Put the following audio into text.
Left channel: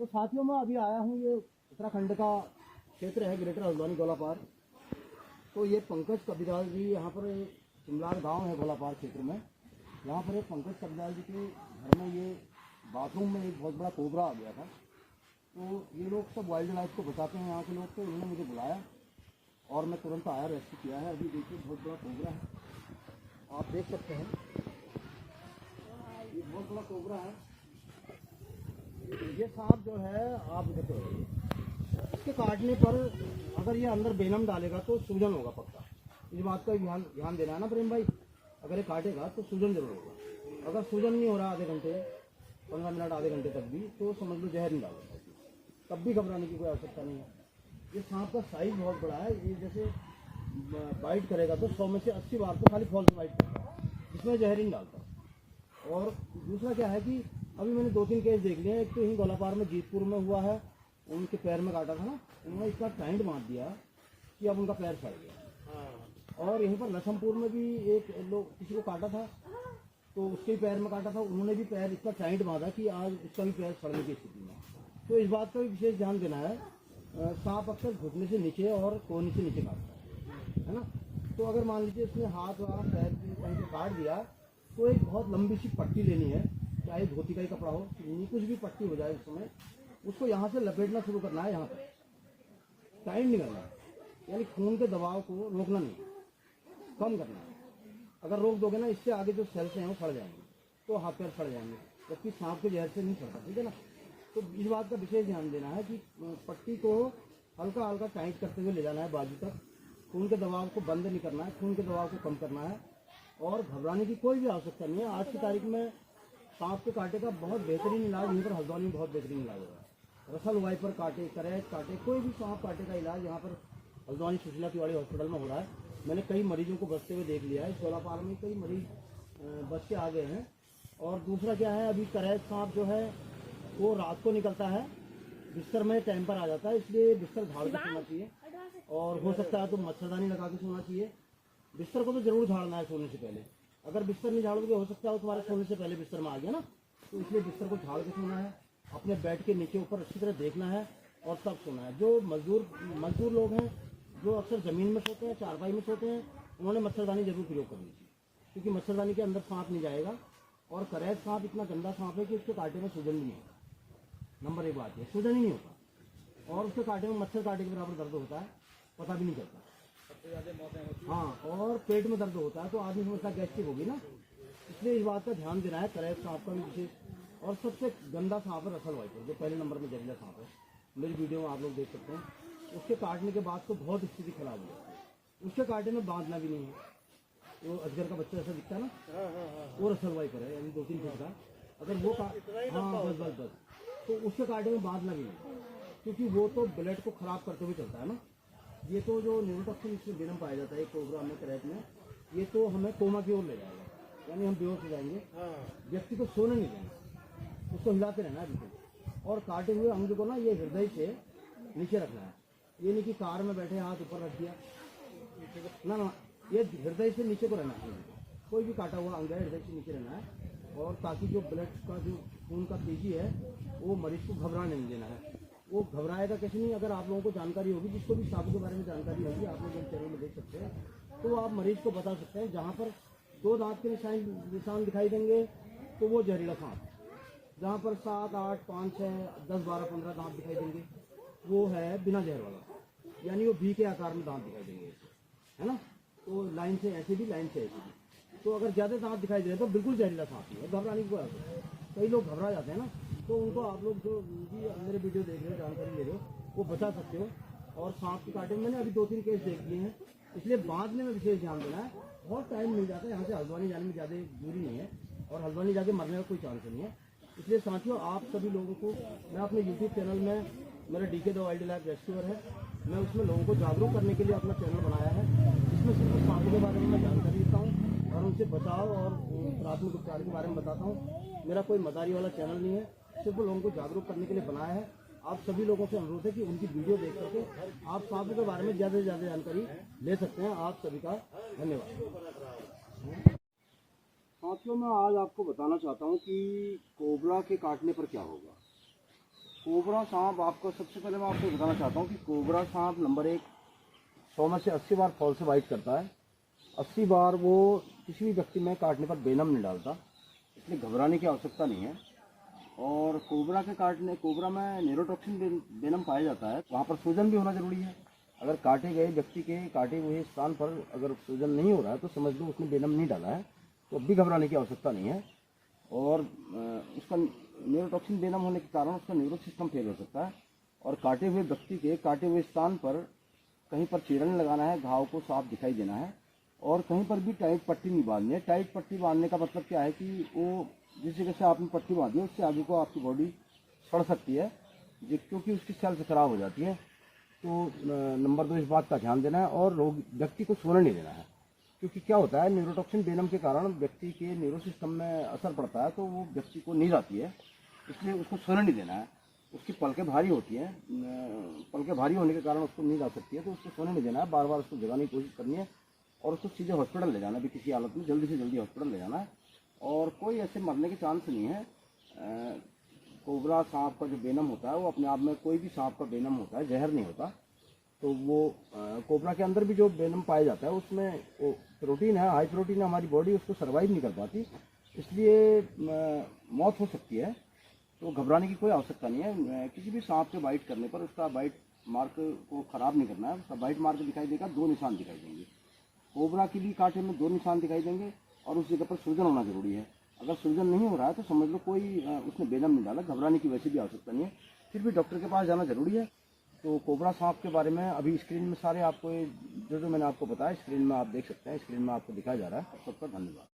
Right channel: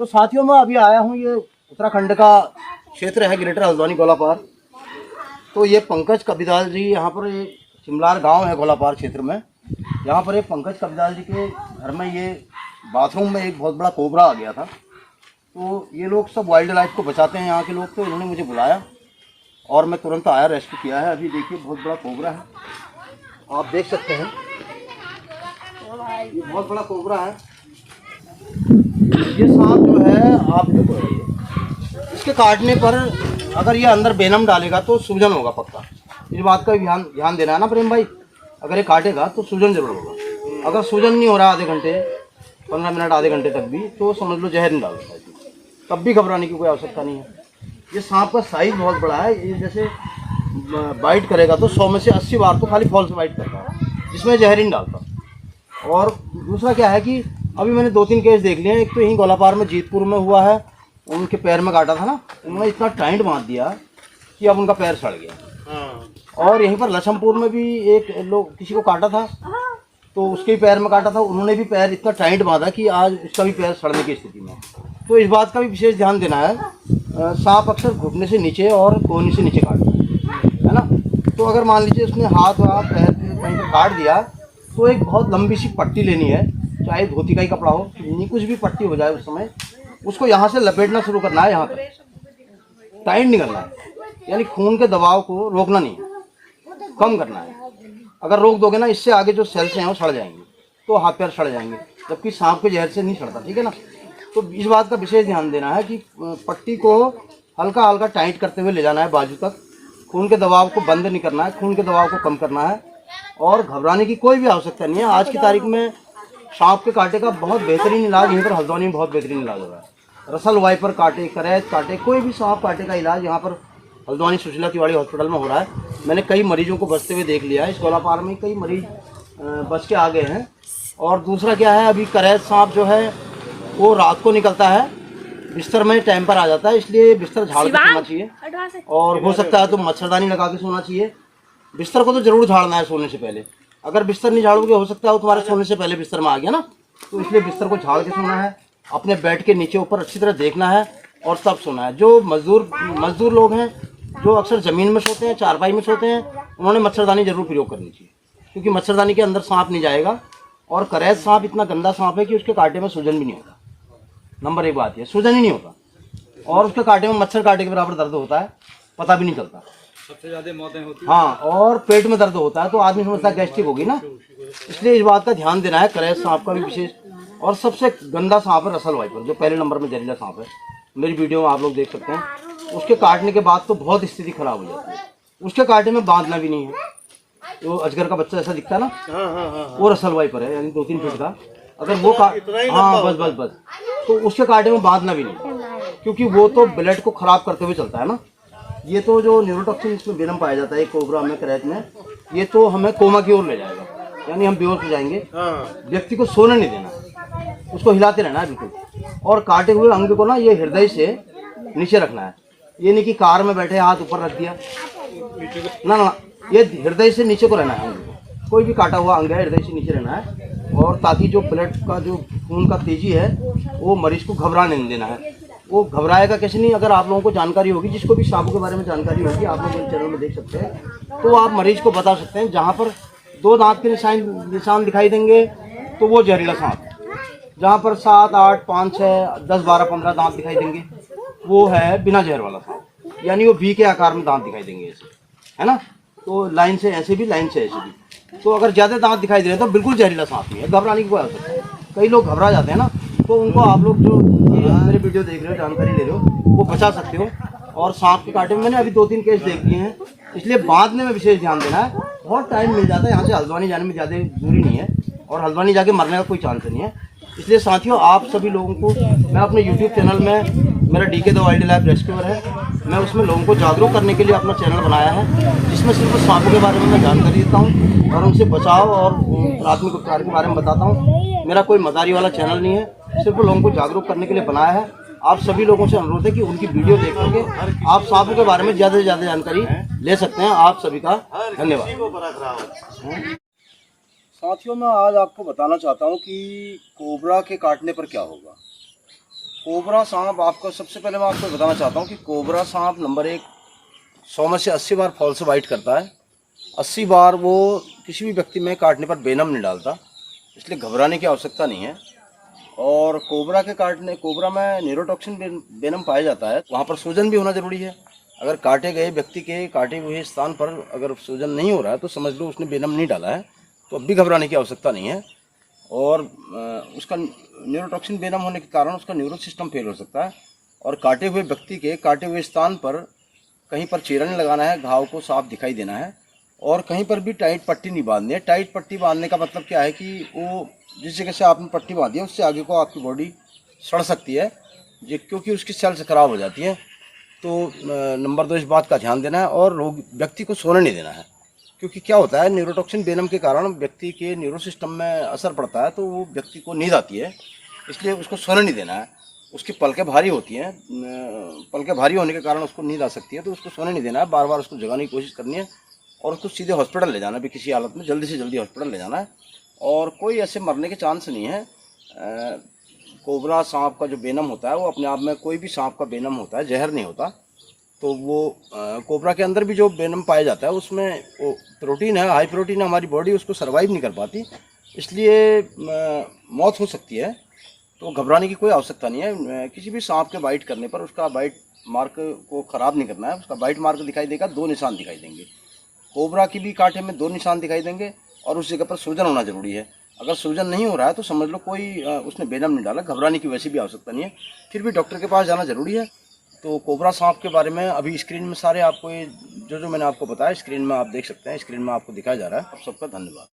तो साथियों मैं अभी आया हूँ, ये उत्तराखंड का क्षेत्र है ग्रेटर हल्द्वानी गोलापार। तो ये पंकज कबिदाल जी, यहाँ पर ये चिमलार गांव है गोलापार क्षेत्र में। यहाँ पर ये पंकज कबिदाल जी के घर में ये बाथरूम में एक बहुत बड़ा कोबरा आ गया था। तो ये लोग सब वाइल्ड लाइफ को बचाते हैं यहाँ के लोग, तो इन्होंने मुझे बुलाया और मैं तुरंत आया, रेस्क्यू किया है। अभी देखिए बहुत बड़ा कोबरा है, आप देख सकते हैं, ये बहुत बड़ा कोबरा है। ये सांप जो है, आप देखो, इसके काटने पर अगर ये अंदर वेनम डालेगा तो सूजन होगा पक्का। इस बात का ध्यान देना है ना प्रेम भाई। अगर ये काटेगा तो सूजन जरूर होगा। अगर सूजन नहीं हो रहा आधे घंटे, 15 मिनट, आधे घंटे तक भी, तो समझ लो जहर नहीं डालता है, तब भी घबराने की कोई आवश्यकता नहीं है। ये सांप का साइज बहुत बड़ा है। ये जैसे बाइट करेगा तो 100 में से 80 बार तो खाली फॉल्स बाइट करता है, जिसमें जहर ही नहीं डालता। और दूसरा क्या है कि अभी मैंने 2-3 केस देख लिए हैं। एक तो यहीं गोलापार में जीतपुर में हुआ है, उनके पैर में काटा था ना, उन्होंने इतना टाइट बांध दिया कि अब उनका पैर सड़ गया। और यहीं पर लछमपुर में भी एक लोग किसी को काटा था, तो उसके भी पैर में काटा था, उन्होंने भी पैर इतना टाइट बांधा कि आज उसका भी पैर सड़ने की स्थिति में। तो इस बात का भी विशेष ध्यान देना है। सांप अक्सर घुटने से नीचे और कोहनी से नीचे काटता है ना। तो अगर मान लीजिए उसने हाथ या पैर कहीं पर काट दिया तो एक बहुत लंबी सी पट्टी लेनी है, चाहे धोती का ही कपड़ा हो, कुछ भी पट्टी हो जाए उस समय, उसको यहाँ से लपेटना शुरू करना है, यहाँ पर टाइट नहीं करना है, यानी खून के दबाव को रोकना नहीं है, कम करना है। अगर रोक दोगे ना, इससे आगे जो सेल्स हैं वो सड़ जाएंगे, तो हाथ पैर सड़ जाएंगे, जबकि सांप के जहर से नहीं सड़ता, ठीक है ना। तो इस बात का विशेष ध्यान देना है कि पट्टी को हल्का हल्का टाइट करते हुए ले जाना है बाजू तक। खून के दबाव को बंद नहीं करना है, खून के दबाव को कम करना है, और घबराने की कोई भी आवश्यकता नहीं है। आज की तारीख में सांप के कांटे का बहुत बेहतरीन इलाज यहीं पर हल्द्वानी में बहुत बेहतरीन इलाज हो रहा है। रसल वाइपर काटे, करैत काटे, कोई भी सांप काटे का इलाज यहाँ पर हल्द्वानी सुशीला तिवारी हॉस्पिटल में हो रहा है। मैंने कई मरीजों को बचते हुए देख लिया है। इस गोलापार में कई मरीज बच के आ गए हैं। और दूसरा क्या है, अभी करैत सांप जो है वो रात को निकलता है, बिस्तर में टाइम पर आ जाता है, इसलिए बिस्तर झाड़ के सोना चाहिए, और हो सकता है तो मच्छरदानी लगा के सोना चाहिए। बिस्तर को तो जरूर झाड़ना है सोने से पहले। अगर बिस्तर नहीं झाड़ोगे, हो सकता है वो तुम्हारे सोने से पहले बिस्तर में आ गया ना, तो इसलिए बिस्तर को झाड़ के सोना है। अपने बेड के नीचे ऊपर अच्छी तरह देखना है और तब सोना है। जो मजदूर लोग हैं, जो अक्सर ज़मीन में सोते हैं, चारपाई में सोते हैं, उन्होंने मच्छरदानी जरूर प्रयोग करनी चाहिए, क्योंकि मच्छरदानी के अंदर सांप नहीं जाएगा। और करैत सांप इतना गंदा सांप है कि उसके कांटे में सूजन भी नहीं होता। नंबर 1 बात है, सूजन ही नहीं होता, और उसके कांटे में मच्छर कांटे के बराबर दर्द होता है, पता भी नहीं चलता। सबसे ज्यादा मौतें होती हैं। हाँ, और पेट में दर्द होता है, तो आदमी समझता है गैस्ट्रिक होगी ना, इसलिए इस बात का ध्यान देना है। करैत सांप का भी विशेष। और सबसे गंदा सांप है रसल वाइपर, जो पहले नंबर में जहरीला सांप है। मेरी वीडियो में आप लोग देख सकते हैं। उसके काटने के बाद तो बहुत स्थिति खराब हो जाती है। उसके कांटे में बांधना भी नहीं है। वो अजगर का बच्चा ऐसा दिखता है ना, वो रसल वाइपर है, यानी 2-3 फीट का। अगर वो हाँ, बस तो उसके कांटे में बांधना भी नहीं, क्योंकि वो तो ब्लड को खराब करते हुए चलता है ना। ये तो जो न्यूरोटॉक्सिन इसमें वेनम पाया जाता है कोबरा में, करैत में, ये तो हमें कोमा की ओर ले जाएगा, यानी हम बेहोश हो जाएंगे। व्यक्ति को सोने नहीं देना, उसको हिलाते रहना है बिल्कुल। और काटे हुए अंग को ना, ये हृदय से नीचे रखना है। ये नहीं कि कार में बैठे हाथ ऊपर रख दिया, ना, ये हृदय से नीचे को रहना है अंग को। कोई भी काटा हुआ अंग है, हृदय से नीचे रहना है, और ताकि जो ब्लड का जो खून का तेजी है वो मरीज को घबराने नहीं देना है। वो घबराएगा कैसे नहीं। अगर आप लोगों को जानकारी होगी, जिसको भी सांपों के बारे में जानकारी होगी, आप लोग मेरे चैनल में देख सकते हैं, तो आप मरीज को बता सकते हैं। जहाँ पर 2 दांत के निशान दिखाई देंगे तो वो जहरीला सांप है। जहाँ पर 7, 8, 5, 6, 10, 12, 15 दांत दिखाई देंगे, वो है बिना जहर वाला सांप, यानी वो V के आकार में दांत दिखाई देंगे ऐसे, है ना। तो लाइन से ऐसे भी, लाइन से ऐसे भी। तो अगर ज़्यादा दांत दिखाई दे रहे हैं तो बिल्कुल जहरीला सांप नहीं है, घबराने की कोई आवश्यकता है। कई लोग घबरा जाते हैं ना, तो उनको आप लोग जो मेरे वीडियो देख रहे हो, जानकारी ले रहे हो, वो बचा सकते हो। और सांप के कांटे में मैंने अभी 2-3 केस देख लिए हैं, इसलिए बांधने में विशेष ध्यान देना है। बहुत टाइम मिल जाता है, यहाँ से हल्द्वानी जाने में ज़्यादा दूरी नहीं है, और हल्द्वानी जाके मरने का कोई चांस नहीं है। इसलिए साथियों, आप सभी लोगों को मैं अपने YouTube चैनल में, मेरा DK the wild life rescuer है, मैं उसमें लोगों को जागरूक करने के लिए अपना चैनल बनाया है, जिसमें सिर्फ सांपों के बारे में मैं जानकारी देता हूँ और उनसे बचाव और प्राथमिक उपचार के बारे में बताता हूँ। मेरा कोई मदारी वाला चैनल नहीं है, सिर्फ लोगों को जागरूक करने के लिए बनाया है। आप सभी लोगों से अनुरोध है कि उनकी वीडियो देख करके आप सांपों के बारे में ज़्यादा से ज़्यादा जानकारी ले सकते हैं। आप सभी का धन्यवाद। साथियों, मैं आज आपको बताना चाहता हूँ कि कोबरा के काटने पर क्या होगा। कोबरा सांप आपको सबसे पहले मैं आपको बताना चाहता हूँ कि कोबरा सांप नंबर 1 100 में से 80 बार फॉल्स बाइट करता है। 80 बार वो किसी भी व्यक्ति में काटने पर वेनम नहीं डालता, इसलिए घबराने की आवश्यकता नहीं है। और कोबरा में न्यूरोटॉक्सिन वेनम पाया जाता है, वहाँ पर सूजन भी होना जरूरी है। अगर काटे गए व्यक्ति के काटे हुए स्थान पर अगर सूजन नहीं हो रहा है तो समझ लो उसने वेनम नहीं डाला है, तो अब भी घबराने की आवश्यकता नहीं है। और उसका न्यूरोटॉक्सिन वेनम होने के कारण उसका न्यूरो सिस्टम फेल हो सकता है। और काटे हुए व्यक्ति के काटे हुए स्थान पर कहीं पर चीरा नहीं लगाना है, घाव को साफ दिखाई देना है। और कहीं पर भी टाइट पट्टी नहीं बांधनी है। टाइट पट्टी बांधने का मतलब क्या है कि वो जिस जगह से आपने पट्टी बांधी है उससे आगे को आपकी बॉडी सड़ सकती है, क्योंकि उसकी सेल्स खराब हो जाती है। तो नंबर 2 इस बात का ध्यान देना है और रोग व्यक्ति को सोने नहीं देना है, क्योंकि क्या होता है न्यूरोटॉक्सिन वेनम के कारण व्यक्ति के न्यूरो सिस्टम में असर पड़ता है, तो वो व्यक्ति को नींद आती है, इसलिए उसको सोने नहीं देना है। उसकी पलकें भारी होती हैं, पलकें भारी होने के कारण उसको नींद आ सकती है, तो उसको सोने नहीं देना है, बार बार उसको जगाने की कोशिश करनी है और उसको सीधे हॉस्पिटल ले जाना है। भी किसी हालत में जल्दी से जल्दी हॉस्पिटल ले जाना है और कोई ऐसे मरने के चांस नहीं है। कोबरा सांप का जो वेनम होता है वो अपने आप में, कोई भी सांप का वेनम होता है, जहर नहीं होता। तो वो कोबरा के अंदर भी जो वेनम पाया जाता है उसमें वो प्रोटीन है, हाई प्रोटीन है, हमारी बॉडी उसको सर्वाइव नहीं कर पाती, इसलिए मौत हो सकती है। तो घबराने की कोई आवश्यकता नहीं है। किसी भी सांप के बाइट करने पर उसका बाइट मार्क को ख़राब नहीं करना है। उसका बाइट मार्क दिखाई देगा, 2 निशान दिखाई देंगे। कोबरा की भी कांटे में 2 निशान दिखाई देंगे और उस जगह पर सूजन होना जरूरी है। अगर सूजन नहीं हो रहा है तो समझ लो कोई उसने वेनम नहीं डाला। घबराने की वैसे भी आवश्यकता नहीं है, फिर भी डॉक्टर के पास जाना जरूरी है। तो कोबरा सांप के बारे में अभी स्क्रीन में सारे आपको ये जो मैंने आपको बताया स्क्रीन में आप देख सकते हैं, स्क्रीन में आपको दिखाया जा रहा है। आप सबका धन्यवाद।